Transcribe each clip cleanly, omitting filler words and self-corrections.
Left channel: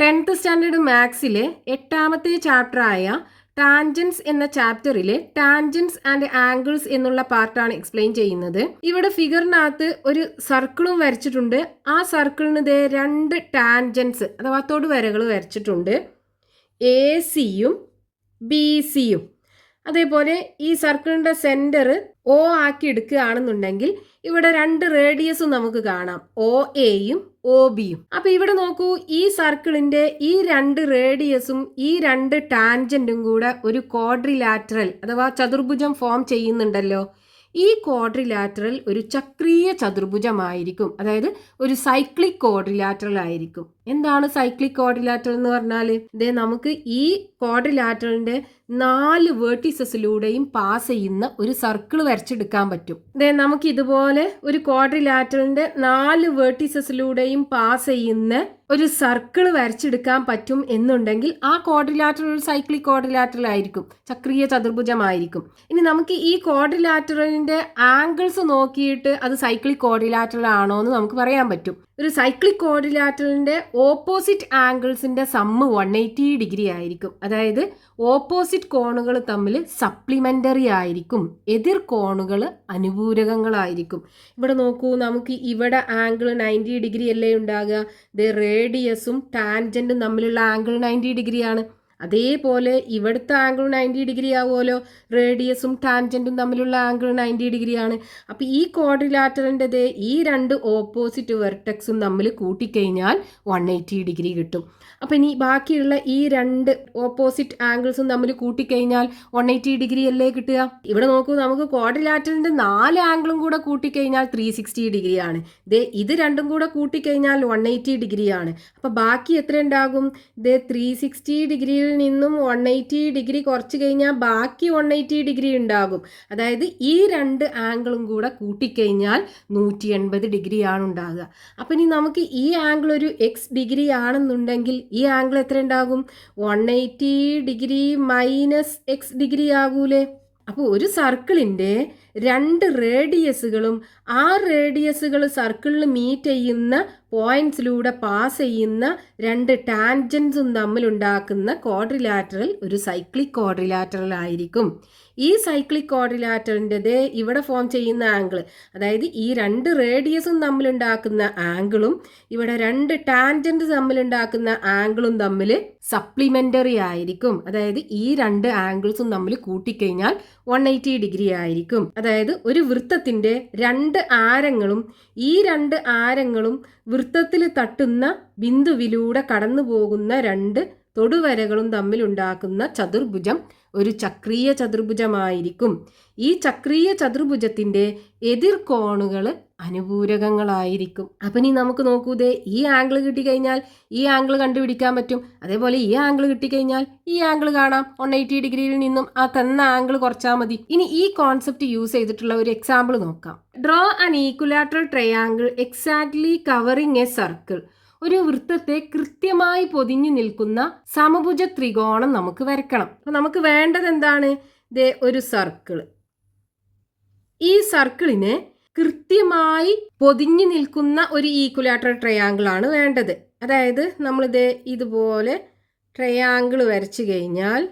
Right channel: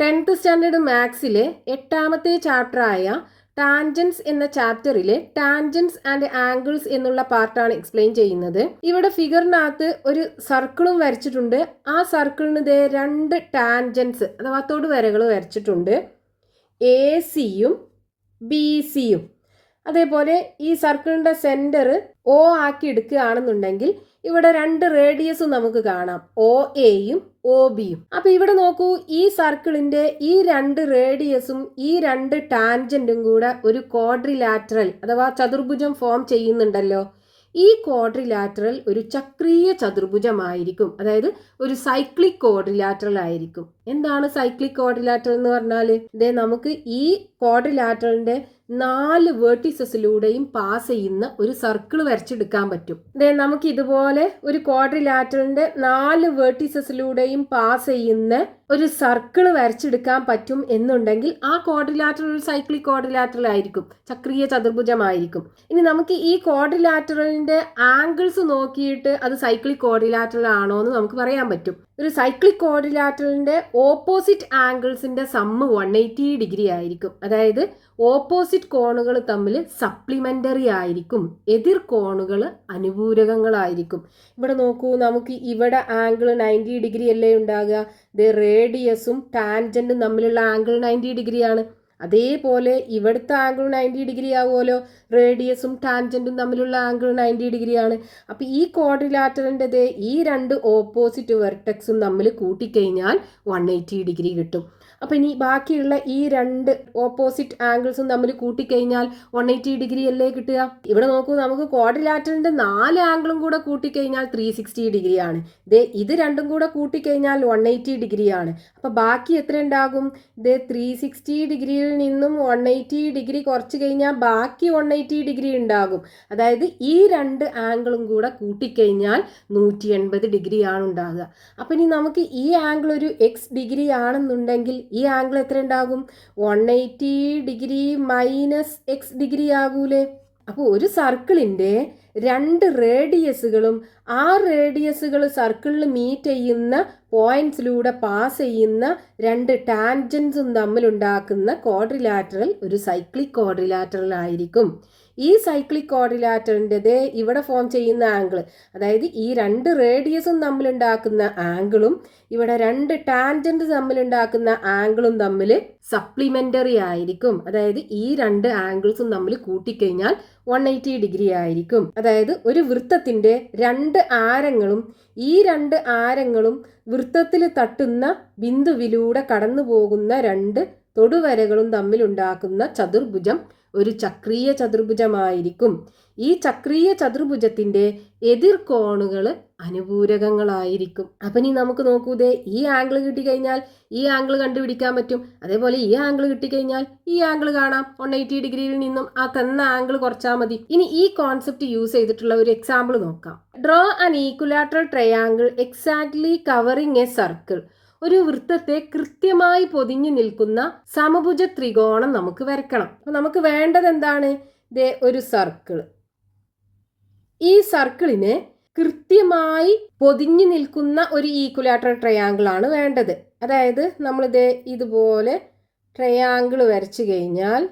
10th standard മാത്സിലെ 8ാമത്തെ ചാപ്റ്ററായ tangents എന്ന ചാപ്റ്ററിലെ tangents and angles എന്നുള്ള പാർട്ടാണ് എക്സ്പ്ലെയിൻ ചെയ്യുന്നത്. ഇവിടെ ഫിഗറിനകത്ത് ഒരു സർക്കിളും വരച്ചിട്ടുണ്ട്. ആ സർക്കിളിന് ദേ 2 ടാൻജൻസ് അഥവാ തൊടുവരകൾ വരച്ചിട്ടുണ്ട്, AC-യും BC-യും. അതേപോലെ ഈ സർക്കിളിൻ്റെ സെൻറ്റർ O ആക്കി എടുക്കുകയാണെന്നുണ്ടെങ്കിൽ ഇവിടെ 2 റേഡിയസും നമുക്ക് കാണാം, OA-യും OB-യും. അപ്പോൾ ഇവിടെ നോക്കൂ, ഈ സർക്കിളിൻ്റെ ഈ 2 റേഡിയസും ഈ 2 ടാൻജൻറ്റും കൂടെ ഒരു ക്വാഡ്രിലാറ്ററൽ അഥവാ ചതുർഭുജം ഫോം ചെയ്യുന്നുണ്ടല്ലോ. ഈ ക്വാഡ്രിലാറ്ററൽ ഒരു ചക്രീയ ചതുർഭുജമായിരിക്കും, അതായത് ഒരു സൈക്ലിക് ക്വാഡ്രിലാറ്ററൽ ആയിരിക്കും. എന്താണ് സൈക്ലിക് ക്വാഡ്രിലാറ്ററൽ എന്ന് പറഞ്ഞാൽ? നമുക്ക് ഈ ക്വാഡ്രിലാറ്ററലിൻ്റെ 4 വേർട്ടിസസിലൂടെയും പാസ് ചെയ്യുന്ന ഒരു സർക്കിൾ വരച്ചെടുക്കാൻ പറ്റും. നമുക്ക് ഇതുപോലെ ഒരു ക്വാഡ്രിലാറ്ററലിന്റെ 4 വേർട്ടിസസിലൂടെയും പാസ് ചെയ്യുന്ന ഒരു സർക്കിൾ വരച്ചെടുക്കാൻ പറ്റും എന്നുണ്ടെങ്കിൽ ആ ക്വാഡ്രിലാറ്ററൽ ഒരു സൈക്ലിക് ക്വാഡ്രിലാറ്ററൽ ആയിരിക്കും, ചക്രീയ ചതുർഭുജമായിരിക്കും. ഇനി നമുക്ക് ഈ ക്വാഡ്രിലാറ്ററലിന്റെ ആംഗിൾസ് നോക്കിയിട്ട് അത് സൈക്ലിക് ക്വാഡ്രിലാറ്ററൽ ആണോ എന്ന് നമുക്ക് പറയാൻ പറ്റും. ഒരു സൈക്ലിക് ക്വാഡ്രിലാറ്ററലിന്റെ ഓപ്പോസിറ്റ് ആംഗിൾസിന്റെ സമ്മ് 180 ഡിഗ്രി ആയിരിക്കും. അതായത് ഓപ്പോസിറ്റ് കോണുകൾ തമ്മിൽ സപ്ലിമെന്ററി ആയിരിക്കും, എതിർ കോണുകൾ അനുപൂരകങ്ങളായിരിക്കും. ഇവിടെ നോക്കൂ, നമുക്ക് ഇവിടെ ആംഗിൾ 90 ഡിഗ്രി അല്ലേ ഉണ്ടാകുക. റേഡിയസും ടാൻജന്റും തമ്മിലുള്ള ആംഗിൾ 90 ഡിഗ്രിയാണ്. അതേപോലെ ഇവിടുത്തെ ആംഗിൾ 90 ഡിഗ്രി ആവുമല്ലോ, റേഡിയസും ടാൻജന്റും തമ്മിലുള്ള ആംഗിൾ 90 ഡിഗ്രിയാണ്. അപ്പോൾ ഈ ക്വാഡ്രിലാറ്ററലിൻ്റെ ഈ 2 ഓപ്പോസിറ്റ് വെർട്ടെക്സും തമ്മിൽ കൂട്ടിക്കഴിഞ്ഞാൽ 180 ഡിഗ്രി കിട്ടും. അപ്പം ഇനി ബാക്കിയുള്ള ഈ 2 ഓപ്പോസിറ്റ് ആംഗിൾസും തമ്മിൽ കൂട്ടിക്കഴിഞ്ഞാൽ 180 ഡിഗ്രി അല്ലേ കിട്ടുക. ഇവിടെ നോക്കൂ, നമുക്ക് ക്വാഡ്രിലാറ്ററലിൻ്റെ 4 ആംഗിളും കൂടെ കൂട്ടിക്കഴിഞ്ഞാൽ 360 ഡിഗ്രിയാണ്. ഇത് രണ്ടും കൂടെ കൂട്ടിക്കഴിഞ്ഞാൽ 180 ഡിഗ്രിയാണ്. അപ്പോൾ ബാക്കി എത്ര ഉണ്ടാകും? 360 ഡിഗ്രിയിൽ നിന്നും 180 ഡിഗ്രി കുറച്ച് കഴിഞ്ഞാൽ ബാക്കി 180 ഡിഗ്രി ഉണ്ടാകും. അതായത് ഈ 2 ആംഗിളും കൂടെ കൂട്ടിക്കഴിഞ്ഞാൽ 180 ഡിഗ്രിയാണ് ഉണ്ടാകുക. അപ്പം ഇനി നമുക്ക് ഈ ആംഗിൾ ഒരു എക്സ് ഡിഗ്രി ആണെന്നുണ്ടെങ്കിൽ ഈ ആംഗിൾ എത്ര ഉണ്ടാകും? 180 ഡിഗ്രി മൈനസ് എക്സ് ഡിഗ്രി ആകൂലേ. അപ്പോൾ ഒരു സർക്കിളിൻ്റെ 2 റേഡിയസുകളും ആ റേഡിയസുകൾ സർക്കിളിൽ മീറ്റ് ചെയ്യുന്ന പോയിന്റ്സിലൂടെ പാസ് ചെയ്യുന്ന 2 ടാൻജൻസും തമ്മിലുണ്ടാക്കുന്ന ക്വാഡ്രിലാറ്ററൽ ഒരു സൈക്ലിക് ക്വാഡ്രിലാറ്ററൽ ആയിരിക്കും. ഈ സൈക്ലിക് ക്വാഡ്രിലാറ്ററലിൻ്റെ ഇവിടെ ഫോം ചെയ്യുന്ന ആംഗിൾ, അതായത് ഈ 2 റേഡിയസും തമ്മിലുണ്ടാക്കുന്ന ആംഗിളും ഇവിടെ 2 ടാൻജൻറ്റ് തമ്മിലുണ്ടാക്കുന്ന ആംഗിളും തമ്മിൽ സപ്ലിമെൻ്ററി ആയിരിക്കും. അതായത് ഈ 2 ആംഗിൾസും തമ്മിൽ കൂട്ടിക്കഴിഞ്ഞാൽ 180 ഡിഗ്രി ആയിരിക്കും. അതായത് ഒരു വൃത്തത്തിൻ്റെ 2 ആരങ്ങളും ഈ 2 ആരങ്ങളും വൃത്തത്തിൽ തട്ടുന്ന ബിന്ദുവിലൂടെ കടന്നു പോകുന്ന 2 തൊടുവരകളും തമ്മിലുണ്ടാക്കുന്ന ചതുർഭുജം ഒരു ചക്രീയ ചതുർഭുജമായിരിക്കും. ഈ ചക്രീയ ചതുർഭുജത്തിൻ്റെ എതിർ കോണുകൾ അനുപൂരകങ്ങളായിരിക്കും. അപ്പം ഇനി നമുക്ക് നോക്കൂ, ഈ ആംഗിൾ കിട്ടിക്കഴിഞ്ഞാൽ ഈ ആംഗിൾ കണ്ടുപിടിക്കാൻ പറ്റും. അതേപോലെ ഈ ആംഗിൾ കിട്ടിക്കഴിഞ്ഞാൽ ഈ ആംഗിൾ കാണാം. 180 ഡിഗ്രിയിൽ നിന്നും ആ തന്ന ആംഗിൾ കുറച്ചാൽ മതി. ഇനി ഈ കോൺസെപ്റ്റ് യൂസ് ചെയ്തിട്ടുള്ള ഒരു എക്സാമ്പിൾ നോക്കാം. Draw an equilateral triangle exactly covering A circle. ഒരു വൃത്തത്തെ കൃത്യമായി പൊതിഞ്ഞു നിൽക്കുന്ന സമഭുജ ത്രികോണം നമുക്ക് വരയ്ക്കണം. അപ്പം നമുക്ക് വേണ്ടത് എന്താണ്? ഒരു സർക്കിൾ. ഈ സർക്കിളിന് കൃത്യമായി പൊതിഞ്ഞു നിൽക്കുന്ന ഒരു ഈക്വലാറ്ററൽ ട്രയാങ്കിൾ ആണ് വേണ്ടത്. അതായത് നമ്മളിത് ഇതുപോലെ ട്രയാങ്കിൾ വരച്ചു കഴിഞ്ഞാൽ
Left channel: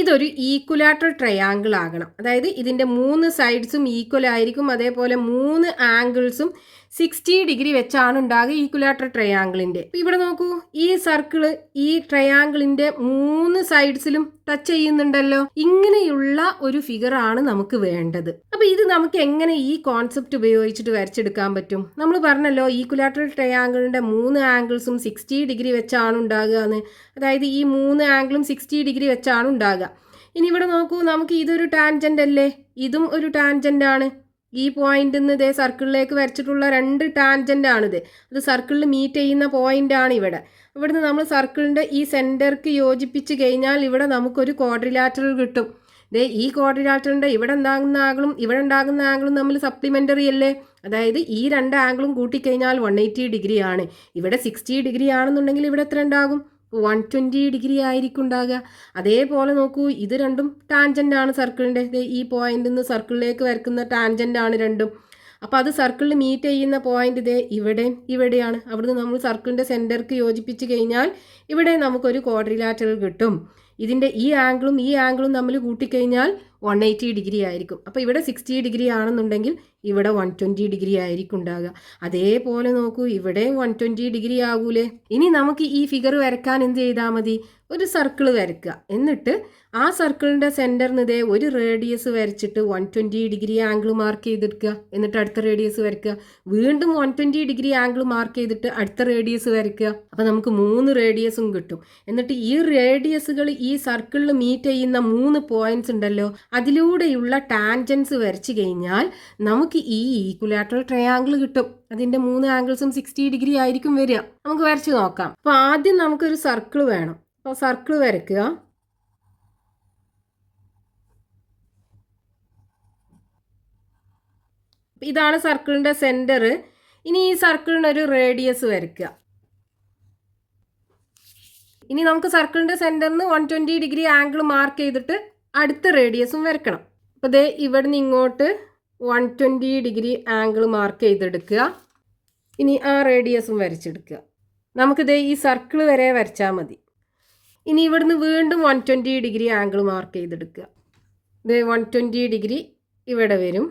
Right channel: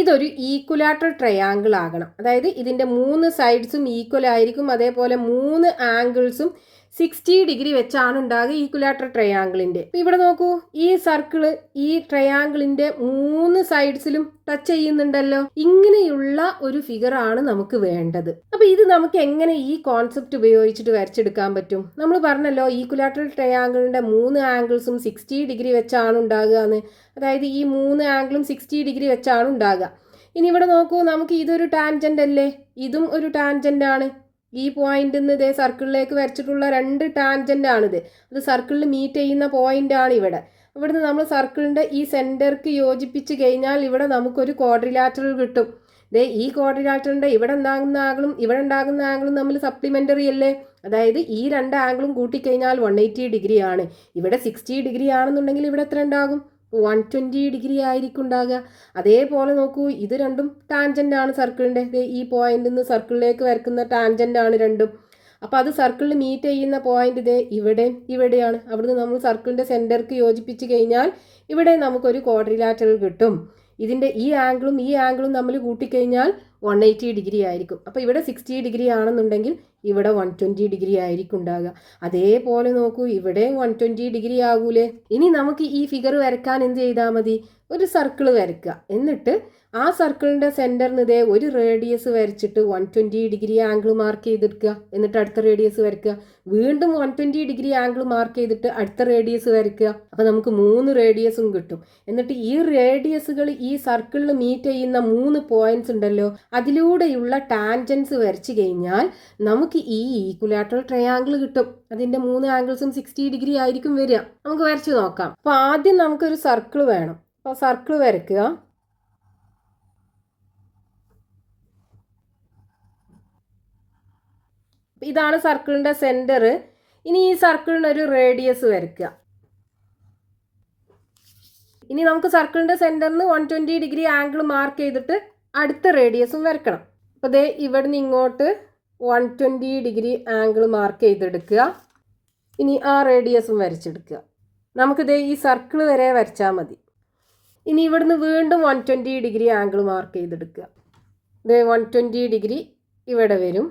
ഇതൊരു ഈക്വലാറ്ററൽ ട്രയാങ്കിൾ ആകണം. അതായത് ഇതിൻ്റെ 3 സൈഡ്സും ഈക്വൽ ആയിരിക്കും. അതേപോലെ 3 ആംഗിൾസും 60 ഡിഗ്രി വെച്ചാണ് ഉണ്ടാകുക ഈക്വലാറ്ററൽ ട്രയാങ്കിളിൻ്റെ. ഇവിടെ നോക്കൂ, ഈ സർക്കിള് ഈ ട്രയാങ്കിളിൻ്റെ 3 സൈഡ്സിലും ടച്ച് ചെയ്യുന്നുണ്ടല്ലോ. ഇങ്ങനെയുള്ള ഒരു ഫിഗറാണ് നമുക്ക് വേണ്ടത്. അപ്പോൾ ഇത് നമുക്ക് എങ്ങനെ ഈ കോൺസെപ്റ്റ് ഉപയോഗിച്ചിട്ട് വരച്ചെടുക്കാൻ പറ്റും? നമ്മൾ പറഞ്ഞല്ലോ, ഈക്വലാറ്ററൽ ട്രയാങ്കിളിൻ്റെ 3 ആംഗിൾസും 60 ഡിഗ്രി വെച്ചാണ് ഉണ്ടാകുക എന്ന്. അതായത് ഈ 3 ആംഗിളും 60 ഡിഗ്രി വെച്ചാണ് ഉണ്ടാകുക. ഇനി ഇവിടെ നോക്കൂ, നമുക്ക് ഇതൊരു ടാൻജൻ്റ് അല്ലേ, ഇതും ഒരു ടാൻജൻ്റ് ആണ്. ഈ പോയിന്റിൽ നിന്ന് സർക്കിളിലേക്ക് വരച്ചിട്ടുള്ള 2 ടാൻജൻ്റ് ആണിത്. അത് സർക്കിളിൽ മീറ്റ് ചെയ്യുന്ന പോയിന്റ് ആണ് ഇവിടെ. ഇവിടുന്ന് നമ്മൾ സർക്കിളിൻ്റെ ഈ സെൻറ്റർക്ക് യോജിപ്പിച്ച് കഴിഞ്ഞാൽ ഇവിടെ നമുക്കൊരു ക്വാഡ്രിലാറ്ററൽ കിട്ടും. ഈ ക്വാഡ്രിലാറ്ററിൻ്റെ ഇവിടെ ഉണ്ടാകുന്ന ആംഗിളും ഇവിടെ ഉണ്ടാകുന്ന ആംഗിളും തമ്മിൽ സപ്ലിമെൻ്ററി അല്ലേ. അതായത് ഈ 2 ആംഗിളും കൂട്ടിക്കഴിഞ്ഞാൽ 180 ഡിഗ്രി ആണ്. ഇവിടെ 60 ഡിഗ്രി ആണെന്നുണ്ടെങ്കിൽ ഇവിടെ എത്ര ഉണ്ടാകും? 120 ഡിഗ്രി ആയിരിക്കും ഉണ്ടാകുക. അതേപോലെ നോക്കൂ, ഇത് രണ്ടും ടാൻജൻ്റ് ആണ് സർക്കിളിൻ്റെ. ഈ പോയിന്റിൽ നിന്ന് സർക്കിളിലേക്ക് വരക്കുന്ന ടാൻജൻ്റ് ആണ് രണ്ടും. അപ്പോൾ അത് സർക്കിളിൽ മീറ്റ് ചെയ്യുന്ന പോയിന്റ് ഇതേ ഇവിടെയാണ്. അവിടുന്ന് നമ്മൾ സർക്കിളിൻ്റെ സെൻറ്റർക്ക് യോജിപ്പിച്ച് കഴിഞ്ഞാൽ ഇവിടെ നമുക്കൊരു ക്വാഡ്രിലാറ്ററൽ കിട്ടും. ഇതിൻ്റെ ഈ ആംഗിളും തമ്മിൽ കൂട്ടിക്കഴിഞ്ഞാൽ 180 ഡിഗ്രി ആയിരിക്കും. അപ്പോൾ ഇവിടെ 60 ഡിഗ്രി ആണെന്നുണ്ടെങ്കിൽ ഇവിടെ 120 ഡിഗ്രി ആയിരിക്കും ഉണ്ടാകുക. അതേപോലെ നോക്കൂ, ഇവിടെ 120 ഡിഗ്രി ആകൂലേ. ഇനി നമുക്ക് ഈ ഫിഗർ വരയ്ക്കാൻ എന്ത് ചെയ്താൽ മതി? ഒരു സർക്കിൾ വരയ്ക്കുക. എന്നിട്ട് ആ സർക്കിളിൻ്റെ സെൻറ്ററിന് ഇതേ ഒരു റേഡിയസ് വരച്ചിട്ട് 120 ഡിഗ്രി ആംഗിൾ മാർക്ക് ചെയ്തെടുക്കുക. എന്നിട്ട് അടുത്ത റേഡിയസ് വരയ്ക്കുക. വീണ്ടും 120 ഡിഗ്രി ആംഗിൾ മാർക്ക് ചെയ്തിട്ട് അടുത്ത റേഡിയസ് വരയ്ക്കുക. അപ്പോൾ നമുക്ക് 3 റേഡിയസും കിട്ടും. എന്നിട്ട് ഈ റേഡിയസുകൾ ഈ സർക്കിളിൽ മീറ്റ് ചെയ്യുന്ന 3 പോയിന്റ്സ് ഉണ്ടല്ലോ, അതിലൂടെയുള്ള ടാൻജൻസ് വരച്ച് കഴിഞ്ഞാൽ നമുക്ക് ഈ ഈക്വലാറ്ററൽ ട്രയാങ്കിൾ കിട്ടും. അതിൻ്റെ 3 ആംഗിൾസും 60 ഡിഗ്രി ആയിരിക്കും വരിക. നമുക്ക് വരച്ച് നോക്കാം. അപ്പോൾ ആദ്യം നമുക്കൊരു സർക്കിൾ വേണം. അപ്പോൾ സർക്കിൾ വരയ്ക്കുക. ഇതാണ് സർക്കിളിൻ്റെ സെൻറ്റർ. ഇനി ഈ സർക്കിളിന് ഒരു റേഡിയസ് വരയ്ക്കുക. ഇനി നമുക്ക് സർക്കിളിൻ്റെ സെൻറ്ററിന് 120 ഡിഗ്രി ആംഗിൾ മാർക്ക് ചെയ്തിട്ട് അടുത്ത റേഡിയസും വരയ്ക്കണം. അപ്പോൾ ദേ ഇവിടുന്ന് ഇങ്ങോട്ട് 120 ഡിഗ്രി ആംഗിൾ മാർക്ക് ചെയ്തെടുക്കുക. ഇനി ആ റേഡിയസും വരച്ചെടുക്കുക. നമുക്കിത് ഈ സർക്കിൾ വരെ വരച്ചാൽ മതി. ഇനി ഇവിടുന്ന് വീണ്ടും 120 ഡിഗ്രി ആംഗിൾ മാർക്ക് ചെയ്തെടുക്കുക. ഇത് 120 ഡിഗ്രി ഇവിടെ വരും.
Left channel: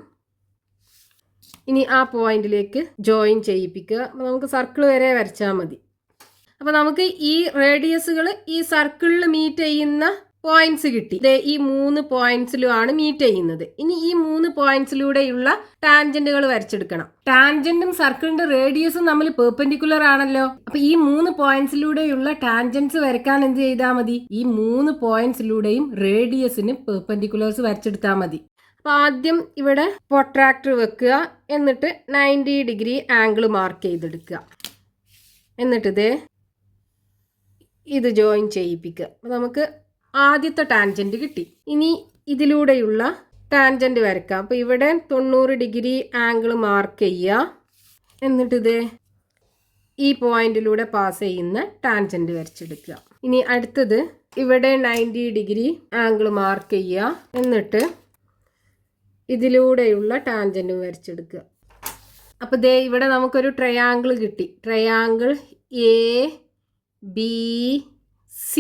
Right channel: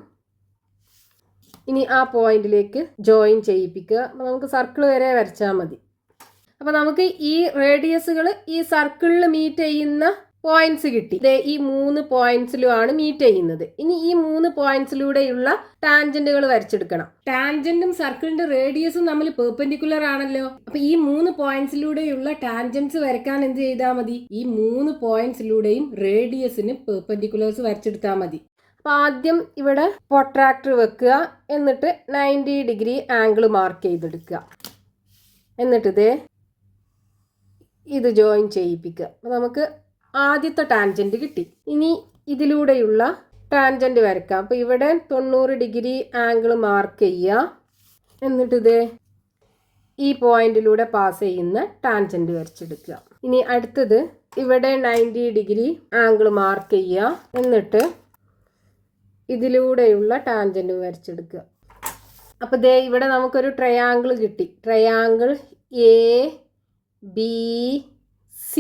ഇനി ആ പോയിന്റിലേക്ക് ജോയിൻ ചെയ്യിപ്പിക്കുക. അപ്പോൾ നമുക്ക് സർക്കിൾ വരെ വരച്ചാൽ മതി. അപ്പോൾ നമുക്ക് ഈ റേഡിയസുകൾ ഈ സർക്കിളിൽ മീറ്റ് ചെയ്യുന്ന പോയിന്റ്സ് കിട്ടി. ഈ 3 പോയിന്റ്സിലുമാണ് മീറ്റ് ചെയ്യുന്നത്. ഇനി ഈ 3 പോയിന്റ്സിലൂടെയുള്ള ടാൻജന്റുകൾ വരച്ചെടുക്കണം. ടാൻജന്റും സർക്കിളിന്റെ റേഡിയസും തമ്മിൽ പെർപെൻഡിക്കുലർ ആണല്ലോ. അപ്പൊ ഈ 3 പോയിന്റ്സിലൂടെയുള്ള ടാൻജൻസ് വരയ്ക്കാൻ എന്ത് ചെയ്താൽ മതി? ഈ 3 പോയിന്റ്സിലൂടെയും റേഡിയസിന് പെർപെൻഡിക്കുലേഴ്സ് വരച്ചെടുത്താൽ മതി. അപ്പൊ ആദ്യം ഇവിടെ പ്രൊട്രാക്ടർ വെക്കുക. എന്നിട്ട് 90 ഡിഗ്രി ആംഗിൾ മാർക്ക് ചെയ്തെടുക്കുക. എന്നിട്ട് ഇത് ജോയിൻ ചെയ്യിപ്പിക്കുക. അപ്പോൾ നമുക്ക് ആദ്യത്തെ ടാൻജൻറ്റ് കിട്ടി. ഇനി ഇതിലൂടെയുള്ള ടാൻജൻറ്റ് വരയ്ക്കാം. അപ്പോൾ ഇവിടെ 90 ഡിഗ്രി ആംഗിൾ മാർക്ക് ചെയ്യുക. എന്നിട്ട് ഈ പോയിന്റിലൂടെ പാസ് ചെയ്യുന്ന ടാൻജൻറ്റ് വരച്ചെടുക്കുക. ഇനി അടുത്തത് ഇവിടെ 90 ഡിഗ്രി ആംഗിൾ മാർക്ക് ചെയ്യുക. എന്നിട്ട് ഇതിലൂടെയുള്ള ടാൻജൻറ്റും വരച്ചെടുക്കുക. അപ്പോൾ ഇവിടെ നമുക്കൊരു ട്രയാങ്കിൾ കിട്ടി. Triangle ABC.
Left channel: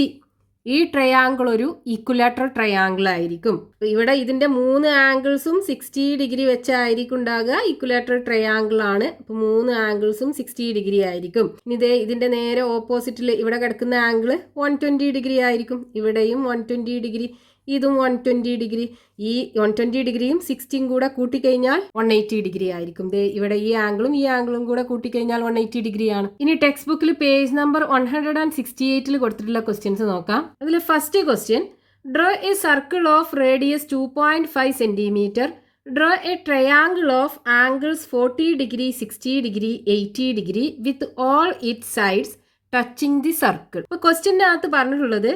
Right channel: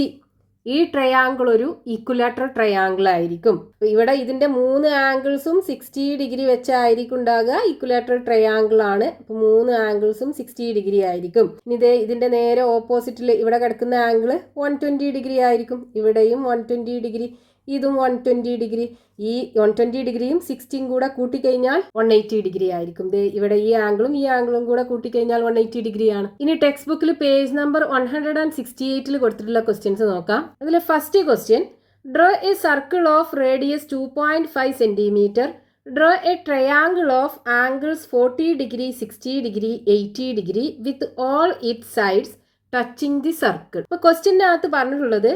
ഈ ട്രയാങ്കിൾ ഒരു ഈക്വലാറ്ററൽ ട്രയാങ്കിൾ ആയിരിക്കും. ഇവിടെ ഇതിൻ്റെ 3 ആംഗിൾസും 60 ഡിഗ്രി വെച്ചായിരിക്കും ഉണ്ടാകുക. ഈക്വലാറ്ററൽ ട്രയാങ്കിൾ ആണ്. അപ്പോൾ 3 ആംഗിൾസും 60 ഡിഗ്രി ആയിരിക്കും. ഇനി ഇതിൻ്റെ നേരെ ഓപ്പോസിറ്റിൽ ഇവിടെ കിടക്കുന്ന ആംഗിൾ 120 ഡിഗ്രി ആയിരിക്കും. ഇവിടെയും 120 ഡിഗ്രി, ഇതും 120 ഡിഗ്രി. ഈ 120 ഡിഗ്രിയും 60യും കൂടെ കൂട്ടിക്കഴിഞ്ഞാൽ 180 ഡിഗ്രി ആയിരിക്കും. ഇവിടെ ഈ ആംഗിളും കൂടെ കൂട്ടിക്കഴിഞ്ഞാൽ 180 ഡിഗ്രിയാണ്. ഇനി ടെക്സ്റ്റ് ബുക്കിൽ പേജ് നമ്പർ 168 കൊടുത്തിട്ടുള്ള ക്വസ്റ്റ്യൻസ് നോക്കാം. അതിൽ first question, draw A circle of radius 2.5 centimetre. Draw A triangle of angles 40 degree, 60 degree, 80 degree with all it sides touching the circle. അപ്പോൾ ക്വസ്റ്റ്യൻ്റെ അകത്ത് പറഞ്ഞിട്ടുള്ളത്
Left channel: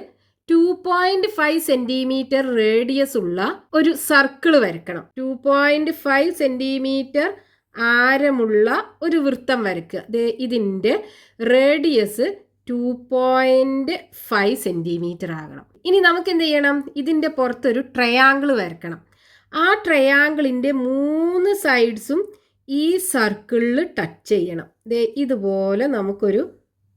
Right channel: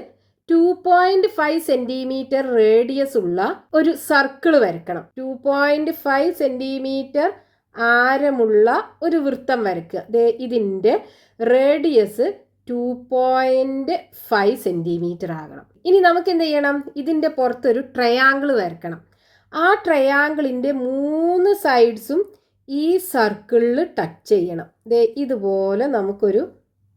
2.5 സെന്റിമീറ്റർ റേഡിയസ് ഉള്ള ഒരു സർക്കിൾ വരയ്ക്കണം. 2.5 സെന്റിമീറ്റർ ആരമുള്ള ഒരു വൃത്തം വരയ്ക്കുക. ഇതിൻ്റെ റേഡിയസ് 2.5 സെന്റിമീറ്റർ ആകണം. ഇനി നമുക്ക് എന്ത് ചെയ്യണം? ഇതിൻ്റെ പുറത്തൊരു ട്രയാങ്കിൾ വരയ്ക്കണം. ആ ട്രയാങ്കിളിൻ്റെ 3 സൈഡ്സും ഈ സർക്കിളിൽ ടച്ച് ചെയ്യണം. ഇതുപോലെ നമുക്കൊരു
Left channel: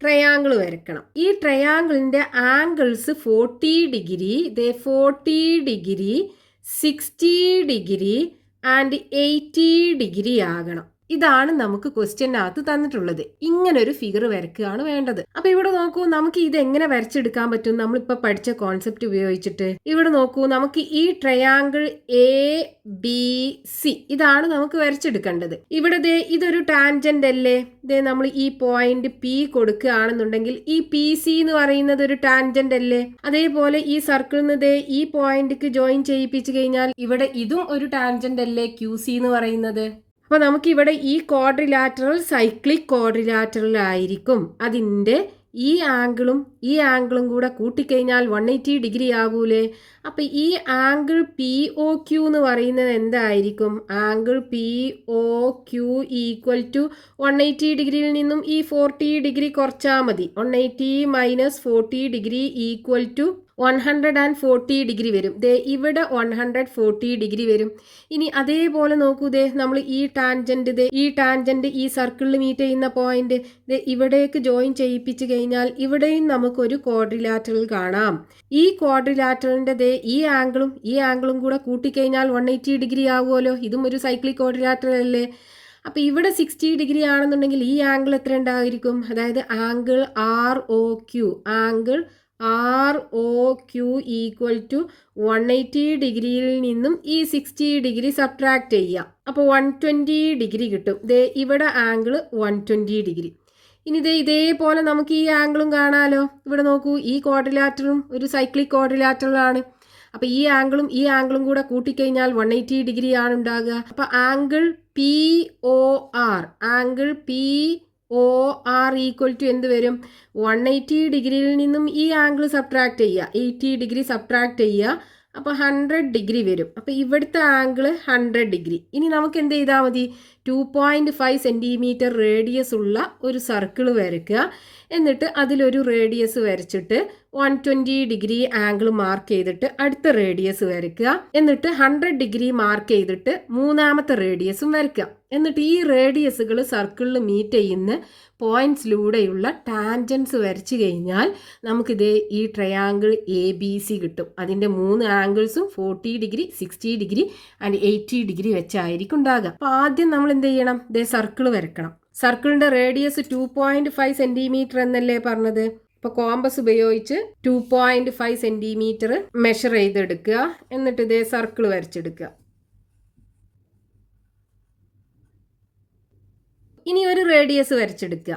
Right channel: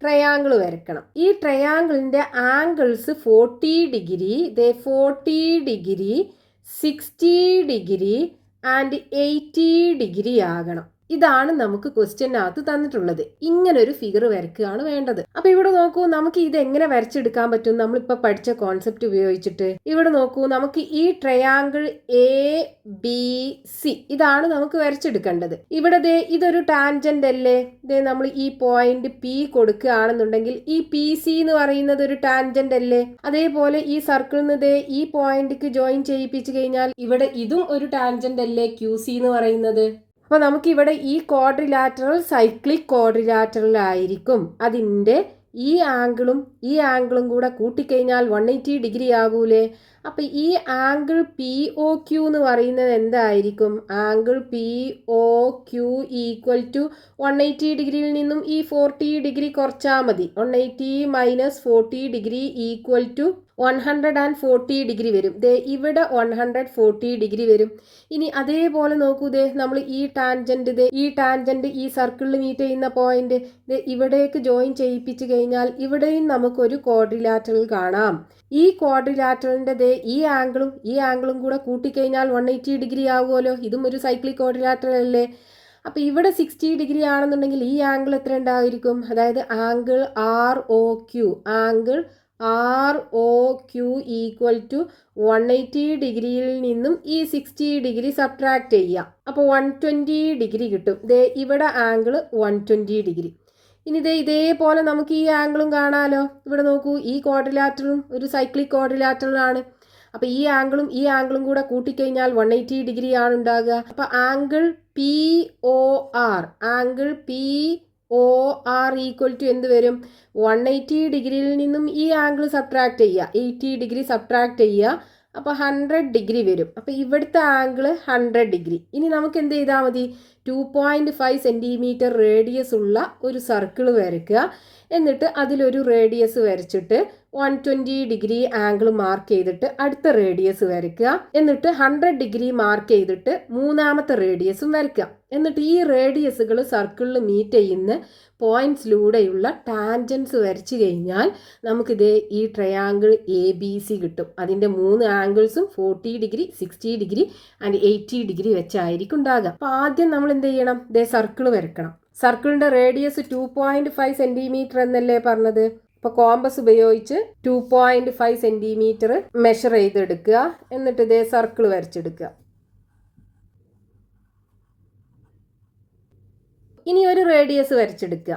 ട്രയാങ്കിൾ വരയ്ക്കണം. ഈ ട്രയാങ്കിളിൻ്റെ angles 40 degree, 40 degree, 60 degree and 80 degree ആകണം. ഇതാണ് നമുക്ക് ക്വസ്റ്റ്യനകത്ത് തന്നിട്ടുള്ളത്. ഇങ്ങനൊരു ഫിഗർ വരയ്ക്കുകയാണ് വേണ്ടത്. അപ്പൊ ഇവിടെ നോക്കൂ, നമുക്ക് ഇത് എങ്ങനെ വരച്ചെടുക്കാൻ പറ്റും? നമ്മളിപ്പോൾ പഠിച്ച കോൺസെപ്റ്റ് ഉപയോഗിച്ചിട്ട് ഇവിടെ നോക്കൂ, നമുക്ക് ഈ ട്രയാങ്കിൾ ABC ഇതാണ് നമുക്ക് വരച്ചെടുക്കേണ്ടത്. ഇവിടെ ഇതൊരു ടാൻജന്റ് അല്ലേ? നമ്മൾ ഈ പോയിന്റ് P കൊടുക്കുകയാണെന്നുണ്ടെങ്കിൽ ഈ PC എന്ന് പറയുന്നത് ഒരു ടാൻജന്റ് അല്ലേ? അതേപോലെ ഈ സർക്കിളിൽ നിന്ന് ഈ പോയിന്റിക്ക് ജോയിൻ ചെയ്യിപ്പിച്ചു കഴിഞ്ഞാൽ ഇവിടെ ഇതും ഒരു ടാൻജന്റ് അല്ലേ, QC എന്ന് പറയുന്നത്? അപ്പോൾ നമുക്കിവിടെ ഈ ക്വാഡ്രിലാറ്ററൽ സൈക്ലിക് ക്വാഡ്രിലാറ്ററൽ ആയിരിക്കും. അതിൻ്റെ ഈ ആംഗിളും കൂടെ കൂട്ടിക്കഴിഞ്ഞാൽ 180 ഡിഗ്രി ആകൂലേ? അപ്പോൾ ഈ ആംഗിൾ POQ എന്ന് പറയുന്നത് എന്തായിരിക്കും? ആംഗിൾ POQ ഈക്വൽ ടു 180 ഡിഗ്രിയിൽ നിന്നും ഈ 40 ഡിഗ്രി കുറച്ചാൽ മതി. 180 minus 40 degree equal to 140 degree വരും. ദേ ഇവിടെ 140 ഡിഗ്രി വരും. ഇനി അതേപോലെ നോക്കൂ, ദേ നമ്മൾ ഈ ടാൻജന്റ് ഈ സർക്കിളിൽ മീറ്റ് ചെയ്യുന്ന പോയിന്റ് ഇവിടേക്ക് ജോയിൻ ചെയ്യിപ്പിച്ച് കഴിഞ്ഞാൽ ഇവിടെയും നമുക്കൊരു ക്വാഡ്രിലാറ്ററൽ കാണാം. ഈ ക്വാഡ്രിലാറ്ററലിന്റെ ഈ ആംഗിളും കൂടെ കൂട്ടിക്കഴിഞ്ഞാൽ 180 ഡിഗ്രി ആവുമല്ലോ. ഇതും ഒരു സൈക്ലിക് ക്വാഡ്രിലാറ്ററൽ അല്ലേ. അപ്പോൾ ഇവിടെ 60 ഡിഗ്രി ആണെന്നുണ്ടെങ്കിൽ ഈ ആംഗിൾ എത്ര ഉണ്ടായിരിക്കും? അതായത് angle R O Q equal to 180 ഡിഗ്രിയിൽ നിന്നും ഈ 60 ഡിഗ്രി സബ്ട്രാക്ട് ചെയ്യുക. അപ്പോൾ 120 ഡിഗ്രി കിട്ടും. ഇവിടെ ആംഗിൾ 120 ഡിഗ്രി. ഇനി ഇതേപോലെ നമുക്ക് ഈ ആംഗിളും കാണാമല്ലോ. ഇവിടെ നോക്കൂ, ഈ ക്വാഡ്രിലാറ്ററലും ഒരു സൈക്ലിക് ക്വാഡ്രിലാറ്ററലാണ്. അപ്പോൾ ഈ ആംഗിളും കൂടെ കൂട്ടിക്കഴിഞ്ഞാൽ 180 ഡിഗ്രി ആണ് ഉണ്ടാകുക. അപ്പോൾ angle P O R equal to എന്ത് വരും? 180 ഡിഗ്രിയിൽ നിന്നും ഈ ആംഗിൾ സബ്ട്രാക്ട് ചെയ്യുക, 80 ഡിഗ്രി സബ്ട്രാക്ട് ചെയ്യുക. അപ്പോൾ 100 ഡിഗ്രി വരും. അപ്പോൾ ഇവിടുത്തെ ആംഗിൾ 100 ഡിഗ്രി. ഇനി നമുക്ക് എന്ത് ചെയ്താൽ മതി? 2.5 സെൻറ്റിമീറ്റർ റേഡിയസ് ഉള്ള ഒരു സർക്കിൾ വരയ്ക്കുക. എന്നിട്ട് അതിലൊരു റേഡിയസ് വരച്ചിട്ട് 120 ഡിഗ്രി ആംഗിൾ മാർക്ക് ചെയ്തിട്ട് അടുത്ത റേഡിയസ് വരയ്ക്കുക. എന്നിട്ട് 100 ഡിഗ്രി മാർക്ക് ചെയ്തിട്ട് മൂന്നാമത്തെ റേഡിയസും വരയ്ക്കുക. എന്നിട്ട് ഈ റേഡിയസുകൾ സർക്കിളിൽ മീറ്റ് ചെയ്യുന്ന പോയിന്റ്സിലൂടെയുള്ള ടാൻജൻസ് വരച്ചു കഴിഞ്ഞാൽ നമുക്കിത് ഈ ട്രയാങ്കിൾ ABC കിട്ടും. അതിൻ്റെ 3 ആംഗിൾസും 40 ഡിഗ്രി, 60 ഡിഗ്രി ആൻഡ് 80 ഡിഗ്രി വെച്ചായിരിക്കും ഉണ്ടാകുക. അപ്പോൾ ആദ്യം നമ്മൾ എന്ത് ചെയ്യണം? സർക്കിൾ വരക്കണം. സർക്കിളിൻ്റെ റേഡിയസ് 2.5 സെൻറ്റിമീറ്റർ എന്നല്ലേ പറഞ്ഞത്? അപ്പോൾ കോമ്പസ് ഉപയോഗിച്ച് 2.5 സെൻറ്റിമീറ്റർ മെഷർ ചെയ്തെടുക്കുക. എന്നിട്ട് സർക്കിൾ വരച്ചെടുക്കുക. ഇനി ഒരു റേഡിയസ് വരച്ചെടുക്കുക.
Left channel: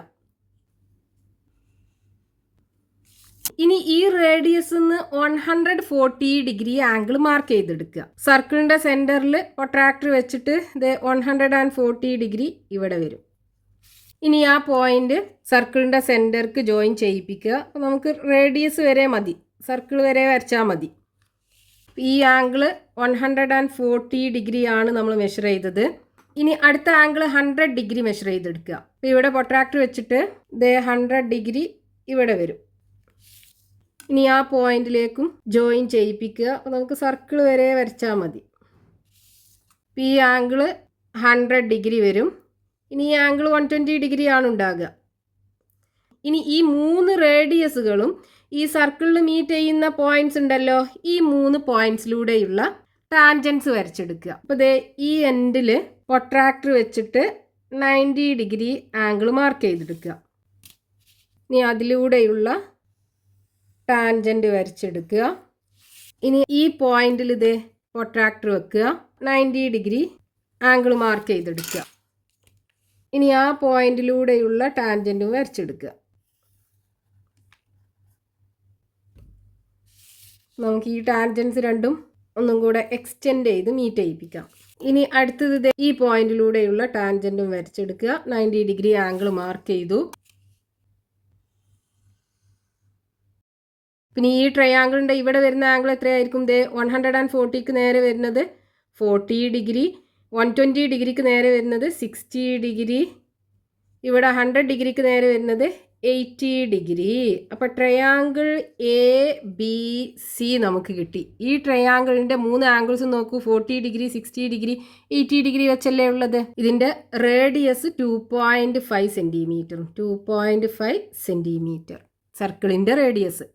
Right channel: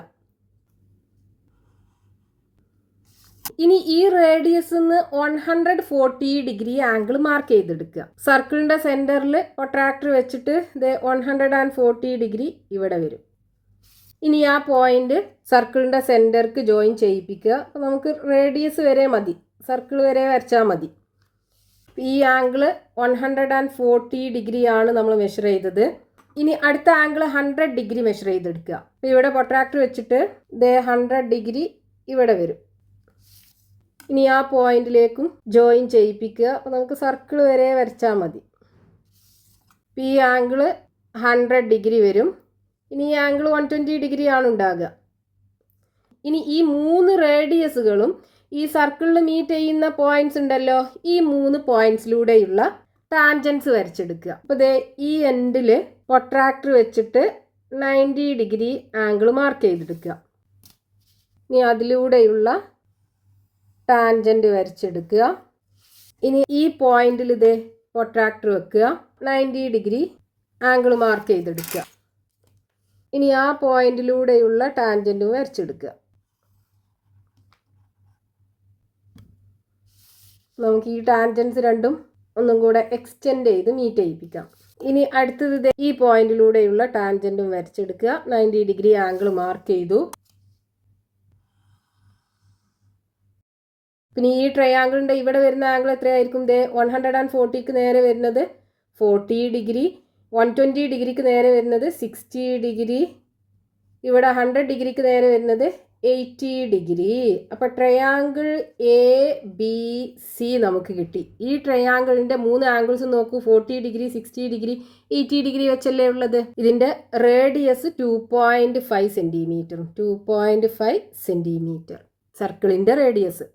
ഇനി ഈ റേഡിയസ് 140 ഡിഗ്രി ആംഗിൾ മാർക്ക് ചെയ്തെടുക്കുക. സർക്കിളിന്റെ സെന്ററിൽ പ്രൊട്രാക്ടർ വെച്ചിട്ട് 140 ഡിഗ്രി ഇവിടെ വരും. ഇനി ആ പോയിന്റ് സർക്കിളിന്റെ സെന്റർക്ക് ജോയിൻ ചെയ്യിപ്പിക്കുക. അപ്പോൾ നമുക്ക് റേഡിയസ് വരെ മതി, സർക്കിൾ വരെ വരച്ചാൽ മതി. ഈ ആംഗിൾ 140 ഡിഗ്രി ആണ് നമ്മൾ മെഷർ ചെയ്തത്. ഇനി അടുത്ത ആംഗിൾ 100 ഡിഗ്രി മെഷർ ചെയ്തെടുക്കുക. അപ്പോൾ ഇവിടെ പ്രൊട്രാക്ടർ വെച്ചിട്ട് 100 ഡിഗ്രി ഇവിടെ വരും. ഇനി ആ പോയിന്റിലേക്കും ജോയിൻ ചെയ്യിപ്പിക്കുക. അപ്പോൾ നമുക്ക് സർക്കിൾ വരെ വരച്ചാൽ മതി. ഈ ആംഗിൾ 100 ഡിഗ്രി വരും. ഇനി ഈ ആംഗിൾ 120 ഡിഗ്രി ആണ് ഉണ്ടാകുക. ഇനി ഈ 3 റേഡിയസുകളും ഈ സർക്കിളിൽ മീറ്റ് ചെയ്യുന്ന പോയിന്റ്സ് ഉണ്ടല്ലോ, ഈ 3 പോയിന്റ്സിലൂടെയുള്ള ടാൻജൻസ് വരച്ചെടുക്കുക. അപ്പോൾ ഈ എൻഡിൽ പ്രൊട്രാക്ടർ വെച്ചിട്ട് 90 ഡിഗ്രി ആംഗിൾ മാർക്ക് ചെയ്തെടുക്കുക. ഇനി അതിലൂടെയുള്ള ടാൻജൻറ്റ് വരച്ചെടുക്കുക. ഇനി ഈ പോയിന്റിൽ പ്രൊട്രാക്ടർ വെക്കുക, 90 ഡിഗ്രി ആംഗിൾ മാർക്ക് ചെയ്തെടുക്കുക. ഇനി ആ പോയിന്റിലൂടെയുള്ള ടാൻജൻറ്റും വരച്ചെടുക്കുക. നമുക്ക് ഈ ടാൻജൻസ് രണ്ടും ഒന്നും കൂടെ എക്സ്റ്റെൻഡ് ചെയ്ത് മീറ്റ് ചെയ്യിപ്പിക്കാം. ഇനി അടുത്തത് ഈ പോയിന്റിലൂടെയുള്ള ടാൻജൻറ്റും വരച്ചെടുക്കുക. 90 ഡിഗ്രി ആംഗിൾ മാർക്ക് ചെയ്തു. പിന്നെ ഈ ട്രയാങ്കിളിൻ്റെ ഇവിടെ വരുന്ന ആംഗിൾ എത്രയായിരിക്കും? 140ക്ക് നേരെ വരുന്നത് 40 ഡിഗ്രി, 120 ഡിഗ്രിക്ക് നേരെ വരുന്നത് 60 ഡിഗ്രി, ഇവിടെ 100 ഡിഗ്രിക്ക് നേരെ വരുന്നത് 80 ഡിഗ്രി. അപ്പോൾ ട്രയാങ്കിൾ ABC നമുക്ക് കിട്ടി. ഈ ട്രയാങ്കിളിൻ്റെ 3 ആംഗിൾസ് നോക്കൂ, 40 ഡിഗ്രി, 60 ഡിഗ്രി, 80 ഡിഗ്രി വെച്ചല്ലേ ഉള്ളത്. ഇതിൻ്റെ റേഡിയസ് 2.5 സെൻറ്റിമീറ്ററും 2.5 സെൻറ്റിമീറ്റർ സർക്കിളിൻ്റെ റേഡിയസ്.